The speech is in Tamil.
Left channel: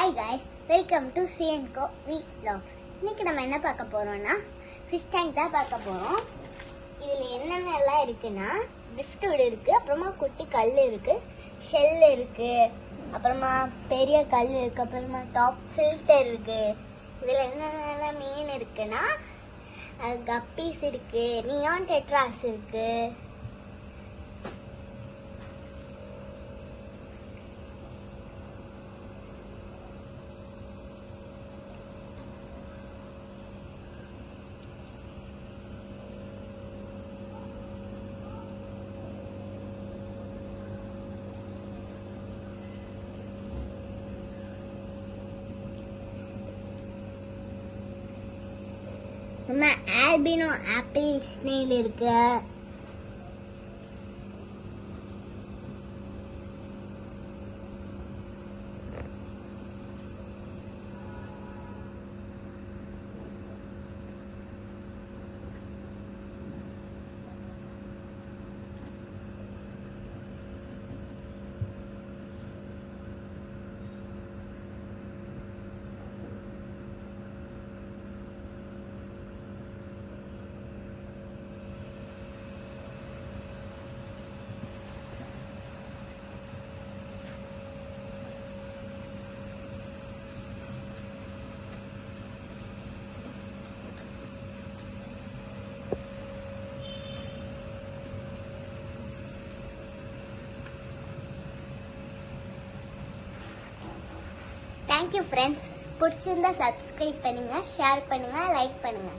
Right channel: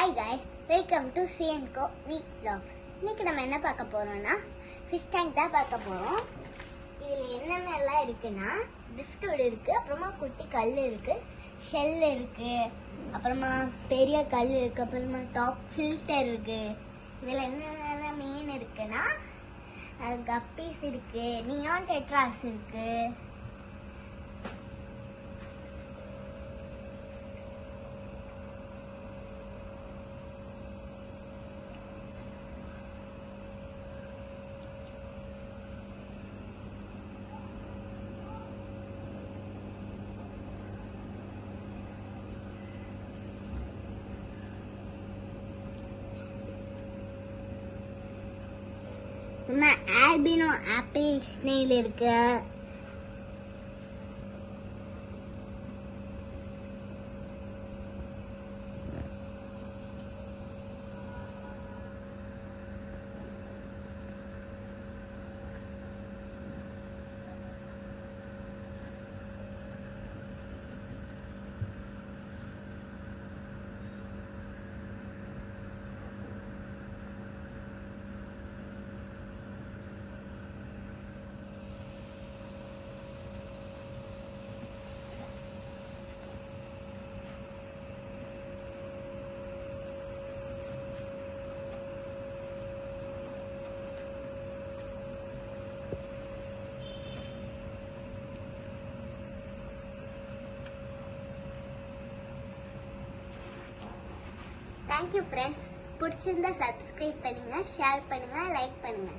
Hi guys, welcome to Sri and co vlogs. இன்னைக்கு நம்ம என்ன பார்க்க போறோம்னா ஃபிஷ் டேங்க் தான் பார்க்க போறோம். இதில் என்னென்னலாம் இருக்குன்னா driftwood இருக்கு, அப்புறமா குட்டி கல் இருக்கு, ஷெல் இருக்கு, அப்புறமா பெரிய கல் இருக்கு, அப்புறமா டாப் ஃபில்டர் இருக்கு. இதில் என்னென்னலாம் மீன் இருக்குன்னா கப்பீஸ் இருக்கு, நியான் டெட்ராஸ் இருக்கு. ஆல்பினோ ஆப்பிள் ஸ்னெயில் இருக்கு. Thank you friends. பிடிச்சிருந்தா சப்ஸ்கிரைப் பண்ணுங்க, ஷேர் பண்ணுங்க, லைக் பண்ணுங்க.